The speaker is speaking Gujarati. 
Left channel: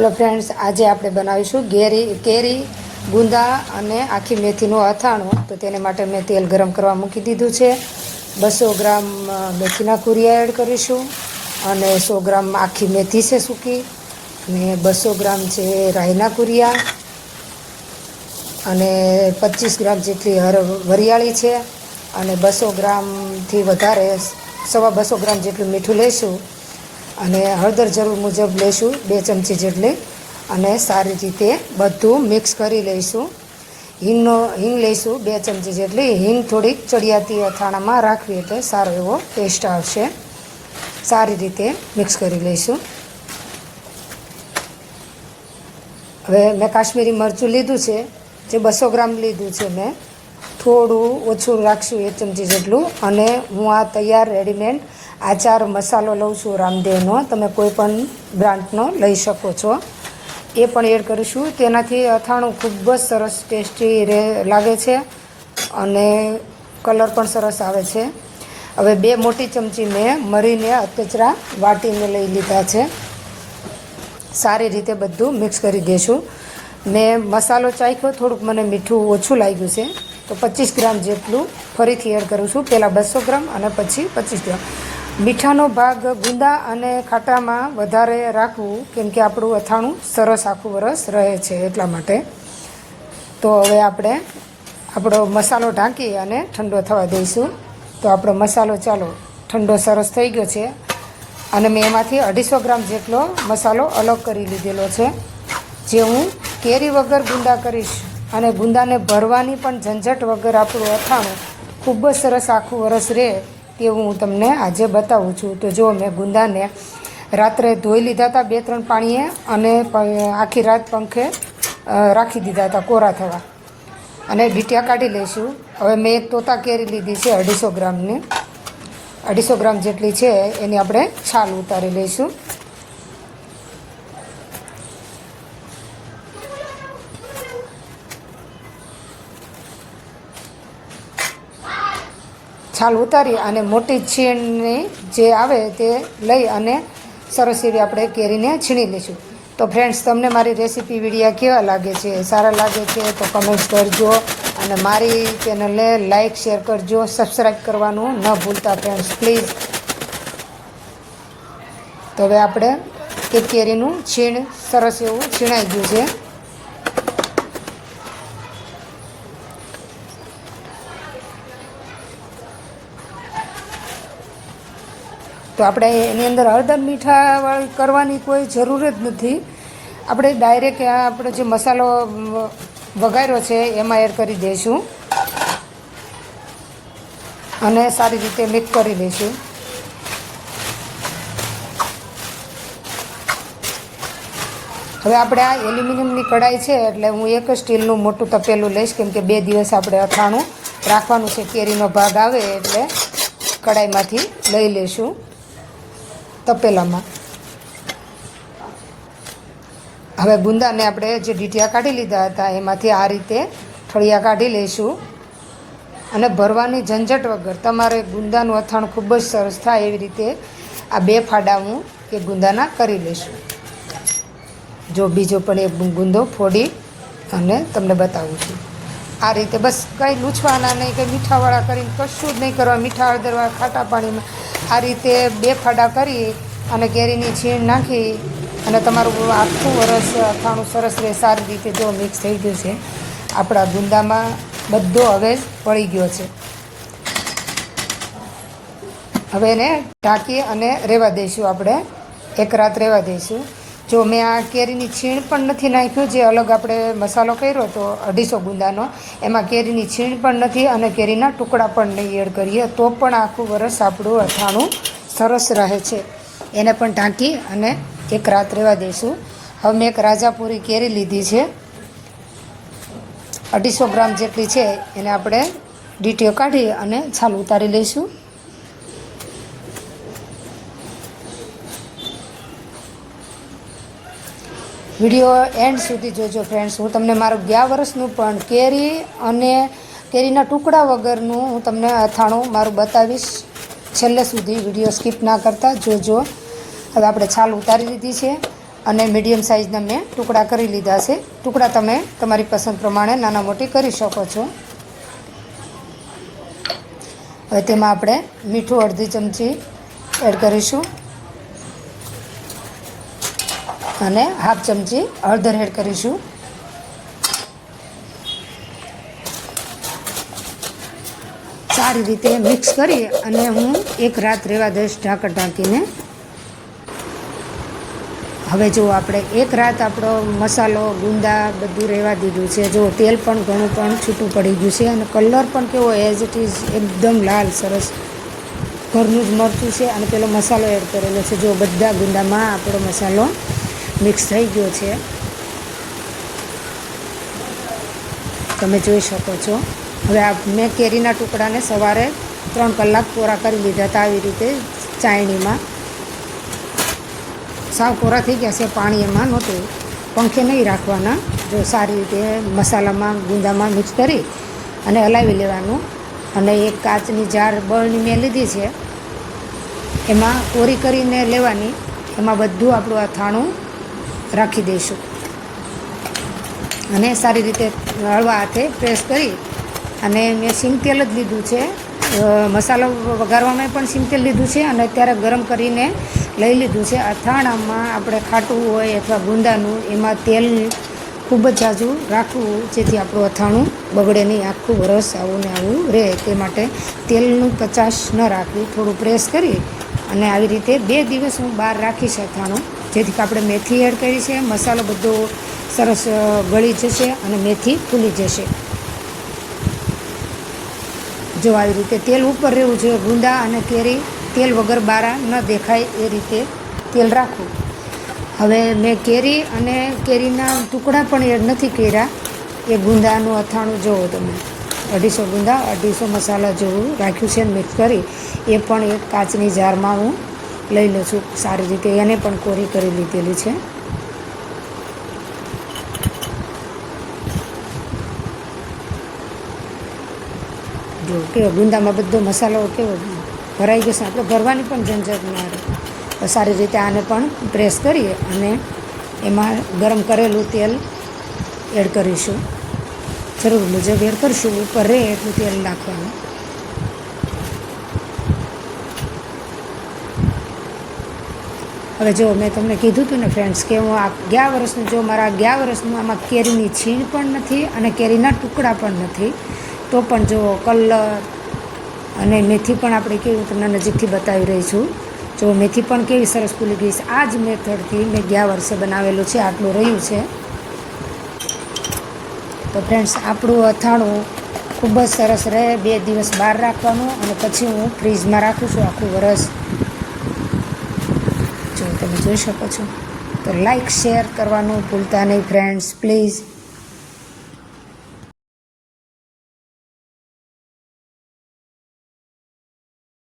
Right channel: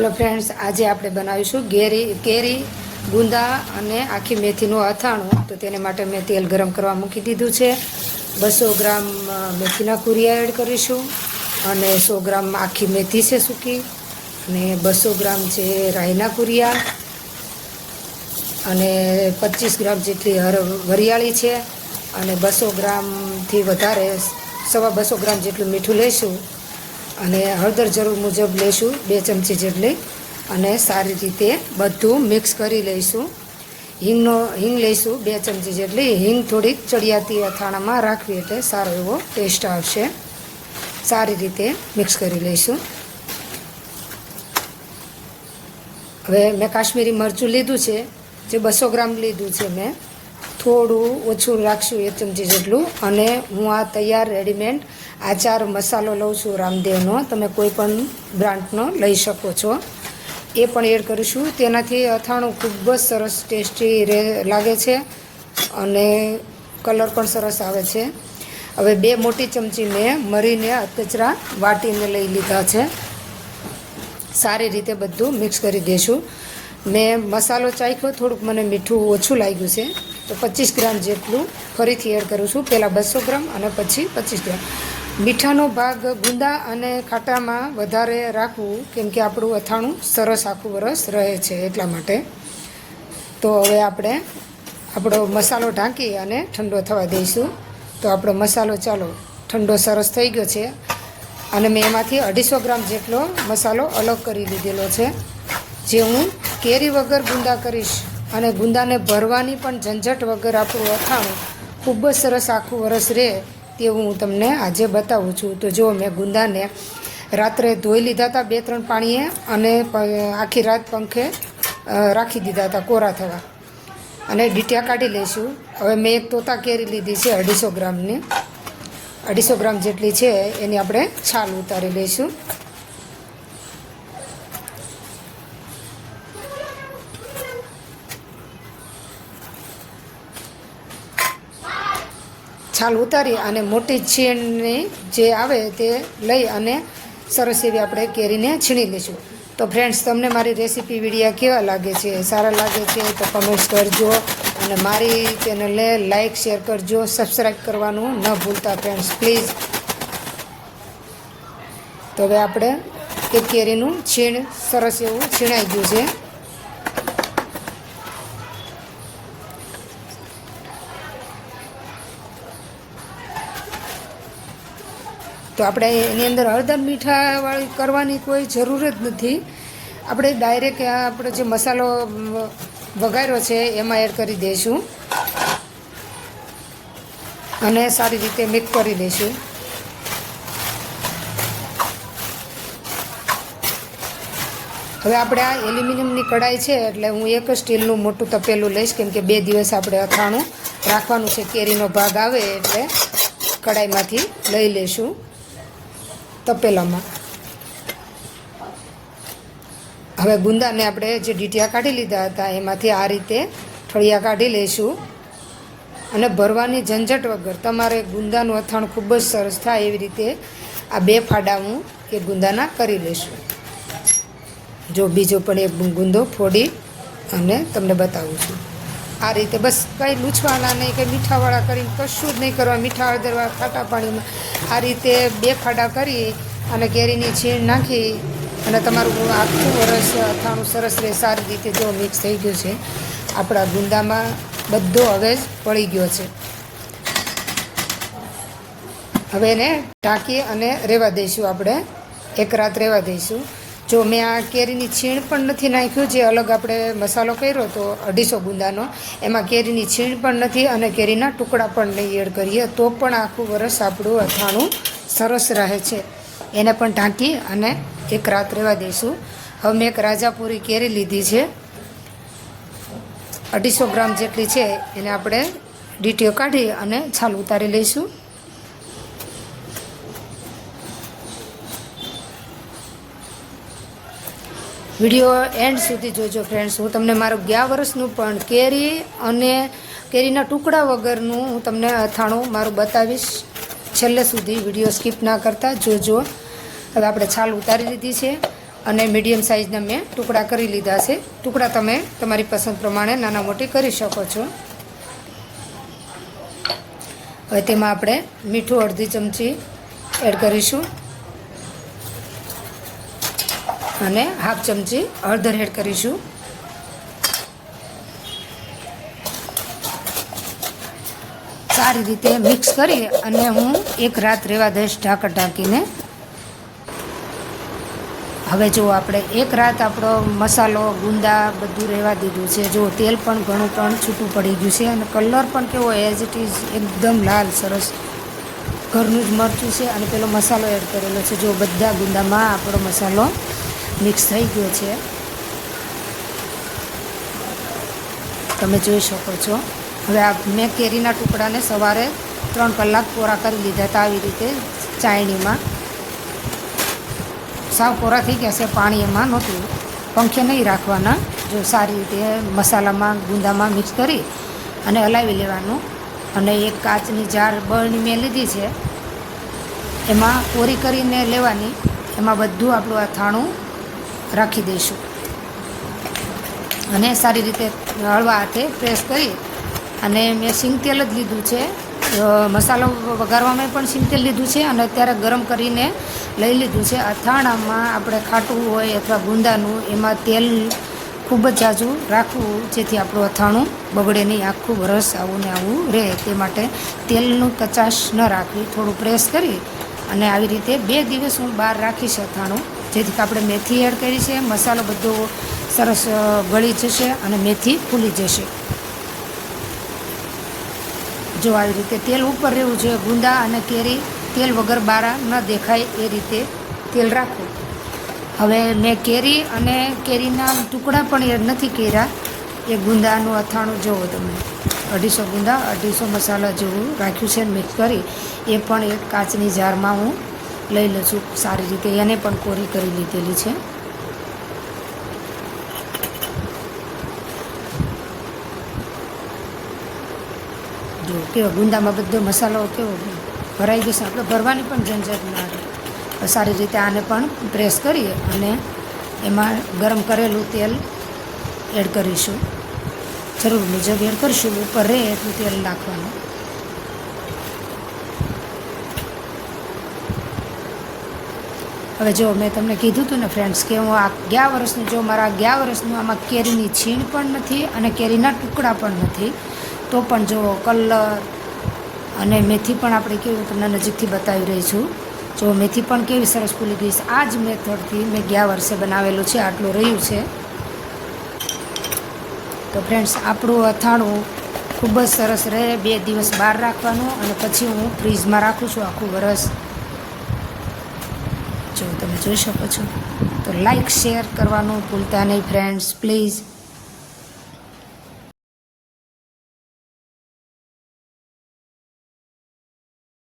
હેલો ફ્રેન્ડ્સ, આજે આપણે બનાવીશું કેરી ગુંદા અને આખી મેથીનું અથાણું. તો તેને માટે મેં તેલ ગરમ કરવા મૂકી દીધું છે. 200 ગ્રામ મેથીના કુરિયા એડ કરીશું અને 100 ગ્રામ આખી મેથી છે સૂકી, અને 200 ગ્રામ છે રાઈના કુરિયા, અને 25 ગ્રામ જેટલી વરિયાળી છે, અને 200 ગ્રામથી વધારે 250 ગ્રામ જેટલું મીઠું લઈશું, અને હળદર જરૂર મુજબ લઈશું 2 ચમચી જેટલી, અને સારી રીતે બધું મિક્સ કરી લઈશું. હિંગ લઈશું 2 ચમચી જેટલી. હિંગ થોડીક ચડિયાતી અથાણામાં રાખવી એટલે સારો એવો ટેસ્ટ આવશે. સારી રીતે મિક્સ કરી લઈશું. હવે મેં કાશ્મીરી મરચું લીધું છે, જે 200 ગ્રામ લીધું છે. મેં થોડું ઓછું રાખશું 1 ચમચી જેટલું. અને હું આ તૈયાર રેડીમેડ આચાર મસાલો લઉં છું રામદેવનો. તમે કોઈ પણ બ્રાન્ડનો લઈ શકો છો. એ પણ એડ કરીશું. તેનાથી અથાણું ખૂબ જ સરસ ટેસ્ટી લાગે છે અને કલર પણ સરસ આવે છે. હવે 2 મોટી ચમચી મેં મરીને અધકચરા વાટીને લઈ લીધા છે. સારી રીતે બધું મિક્સ કરી દઈશું. મેં મસાલો ચાખ્યો, થોડુંક મને મીઠું ઓછું લાગ્યું છે, તો 25 ગ્રામ જેટલું ફરીથી એડ કરું છું. પહેલાં 200 ગ્રામ અને પછી 25 ગ્રામ. મીઠાનો ભાગ ગુંદા અને ખાટામાં વધારે રાખવું, કેમ કે આપણું અથાણું સરસ આખું વરસ રહે છે, એટલા માટે. તો હવે આપણે આપણો મસાલો ઢાંકી અને ઠંડો થવા દઈશું. તો આપણો મસાલો ચાલો ઠંડો સરસ થઈ ગયો છે, અને મેં એમાંથી 250 ગ્રામ જેટલો મસાલો અલગ કરી લીધેલો છે, જે હું કેરી વગર ગુંદા કરીશ. અને ગુંદાને ભરવાની પણ ઝંઝટ વગર આપણું અથાણું ખૂબ જ સરસ આખું વરસ રહે તેવું હું તમને આજે બતાવું છું. તો જો મેં ગુંદાને રાત્રે ધોઈ લીધા હતા 2-3 પાણીએ, અને આખી રાત પંખે રાખી દીધા હતા કોરા થવા, અને ડીટિયા કાઢી લઈશું. હવે મેં એક તોતા કેરી લીધી છે 250 ગ્રામની. 250 ગ્રામ જેટલી છે, એની આપણે છાલ ઉતારી લઈશું. છાલ ઉતારી અને મોટી છીણની જે આવે તે લઈ અને સરસ એવી આપણે કેરીને છીણી લઈશું. તો ફ્રેન્ડ્સ, તમને મારી રેસીપી વિડીયો કેવા લાગે છે? સારા લાગે છે તો કમેન્ટ્સ કરજો, અને મારી ચેનલને લાઇક શેર કરજો, સબસ્ક્રાઈબ કરવાનું ન ભૂલતા ફ્રેન્ડ્સ, પ્લીઝ. તો હવે આપણે એક કેરીનું છીણ સરસ એવું છીણાઈ ગયું છે. તો આપણે એની અંદર હળદર મીઠાવાળી કરવાની કોઈ જરૂર જ નથી. આપણે ડાયરેક્ટ આપણે જે મસાલો વઘાર્યો છે એમાં એડ કરી દઈશું, અને સારી રીતે મિક્સ કરી દઈશું. હવે આપણે આ એલ્યુમિનિયમની કઢાઈ છે, એટલે હું એક સ્ટીલનું મોટું તપેલું લઈશ, કેમ કે 2 દિવસ આપણે અથાણું રાખવાનું છે. કેરીનો ભાગ આવે એટલે કઢાઈમાંથી લઈ લઈશું તપેલામાં. હવે ગુંદાને આપણે જે ડીટિયા કાઢી લીધા હતા એમાંથી આ રીતે ઠળિયા કાઢી લઈશું, અને ભરવાની ઝંઝટ વગર તમારે ગુંદાનું અથાણું ખૂબ જ સરસ થાય એવી રીતે આ 2 ફાડા હું કે ગુંદાના કરી લઈશું. જો બીજો પણ એક ગુંદો ફોડી અને તમને બતાવું છું. આ રીતે બસ કાંઈ લૂછવાના નહીં, કે મીઠાવાળા કરીને કશું જ નહીં કરવા. મીઠા હળદરવાળા ખાટા પાણીમાં આ રીતે 2 ફાડા કરી અને કેરીની છીણ નાખી અને તમારું આખું વરસ અથાણું સરસ રહે. સારી રીતે જો મિક્સ થઈ ગયું છે, આપણા ગુંદામાં બધો હવે પડી ગયો છે. હવે એને ઢાંકી અને રહેવા દઈશું. આપણે એક રાત રહેવા દઈશું. જો મેં આ કેરીની છીણ પણ નથી નાખ્યું, જે અલગ આપણે મસાલો કર્યો તો 250 ગુંદાનો, એમાં કેરીની છીણ પણ નથી અને કેરીના ટુકડા પણ નહીં એડ કરીએ, તો પણ આખું વરસ આપણું અથાણું સરસ રહે છે. એને પણ ઢાંકી અને એક રાત રહેવા દઈશું. હવે મેં એક રાજાપુરી કેરી લીધી છે, 250 ગ્રામ જેટલી છે. એને આપણે ડીટીઓ કાઢી અને છાલ ઉતારી લઈશું. વિડીયો એન્ડ સુધી જોજો ફ્રેન્ડ્સ. હું તમને મારું ગયા વર્ષનું પણ કેરી અને કેરીના ટુકડા વગરનું હું તમને અથાણું મારું બતાવીશ. છેલ્લે સુધી વિડીયો સ્કીપ ના કરતા જોજો. હવે આપણે છાલ ઉતારી દીધી છે અને મીડિયમ સાઇઝના મેં ટુકડા કરી લીધા છે. ટુકડા તમે તમારી પસંદ પ્રમાણે નાના મોટી કરી શકો છો. હવે તેમાં આપણે મીઠું અડધી ચમચી એડ કરીશું અને હાફ ચમચી હળદર એડ કરીશું. સારી રીતે મિક્સ કરી અને હું એક રાત રહેવા દઈશ ઢાંકણ ઢાંકીને. હવે જો આપણે એક રાત આપણો મસાલો ગુંદા બધું રહેવા દીધું છે. જો તેલ પણ ઘણું પણ છૂટું પડી ગયું છે અને કલર પણ કેવો એઝ ઇટ ઇઝ એકદમ લાલ સરસ ઘરનું જ મરચું છે અને પેલો મસાલો એડ કરેલો છે. જો બધા ગુંદામાં આપણો મસાલો મિક્સ થઈ ગયો છે, તમે જોઈ શકો છો. હવે આ મેં કેરીના ટુકડાને સવારે 3 કલાક કોરા કરી લીધા હતા. આવી રીતે ચાયણીમાં સાવ કોરા થઈ ગયા છે, પાણી એમાં નહોતું. પંખે નહીં રાખવાના. જો સારી રીતે મસાલામાં ગુંદામાં મિક્સ કરી અને હલાવી લેવાનું. અને એક કાચની જાર બળની મેં લીધી છે, એમાં કોરી કરીને લેવાની. એમાં બધું આપણું અથાણું રાખી દઈશું અને સારી રીતે હળવા હાથે પ્રેસ કરી અને મેં સિંગ તેલ જ લીધું છે. મસાલો વઘારવામાં પણ સિંગ તેલ લીધું છે અને અત્યારે ગરમ કરીને લઈ લીધું છે. અથાણામાં આપણે ખાટું હોય અથવા ગુંદાનું એમાં તેલ ખૂબ જ ઝાઝું રાખવું જેથી આપણું અથાણું બગડે નહીં, આખું વરસ આવું ને આવું રહે. તે માટે તેલનું કચાશ ન રાખવી. થોડું પ્રેસ કરી અને આવી રીતે 2 દિવસ હું બહાર રાખીશ અથાણું, જેથી કે આપણે મેથી એડ કરી છે, મસાલો બધો સરસ ગળી જશે અને મેથી ફૂલી જશે. જો આવી રીતે તેલ ઉપર રહેવું જોઈએ. ગુંદા અને કેરી તેલ વગર બારા ન દેખાય એ રીતે તેલ રાખવું. હવે મેં કેરી અને કેરીના ટુકડા પણ એડ નથી કર્યા. એ ગુંદાનું અથાણું જોવો તમે, 250 ગુંદા 250 મસાલા જેવું રાખ્યું છે. મિક્સ કરી એ પણ એક કાચની જારમાં હું લઈ લઉં છું. સારી રીતે એને પણ કોરી કરી લીધેલી છે. જો કેવો ગુંદામાં બધો મસાલો કેવો ભરાઈ જશે, આપણે ભરવાની પણ ઝંઝટ ના રહે. સારી રીતે આને પણ પ્રેસ કરી અને એમાં ગરમ કરેલું તેલ એડ કરીશું. જરૂર મુજબ એડ કરીશું, ઉપર રહે એટલું તેલ નાખવાનું. હવે જો મેં તમને કીધું હતું ને ફ્રેન્ડ્સ કે હું આ ગયા વર્ષનું જો મારા ગયા વર્ષનું આમાં કેરીની છીણ પણ નથી અને કેરીના ટુકડા પણ નથી. તો પણ જો કલર અને મેથી પણ આપણે કેવી તમને નજીકથી બતાવી રહી છું. જો મેથી પણ કેવી સરસ ફૂલી ગઈ છે. આ જ મેથડથી મેં ગયા વર્ષે બનાવેલું છે. આટલું રહ્યું છે. તો ફ્રેન્ડ્સ આપણું અથાણું ખૂબ જ સરસ રહે. 2 દિવસ બહાર રાખવાનું અને પછી હું ફ્રીજમાં રાખું છું આખું વરસ. જો તમે જોઈ શકો છો. તો લાઈક શેર કરવાનું ભૂલતા નહીં ફ્રેન્ડ્સ પ્લીઝ.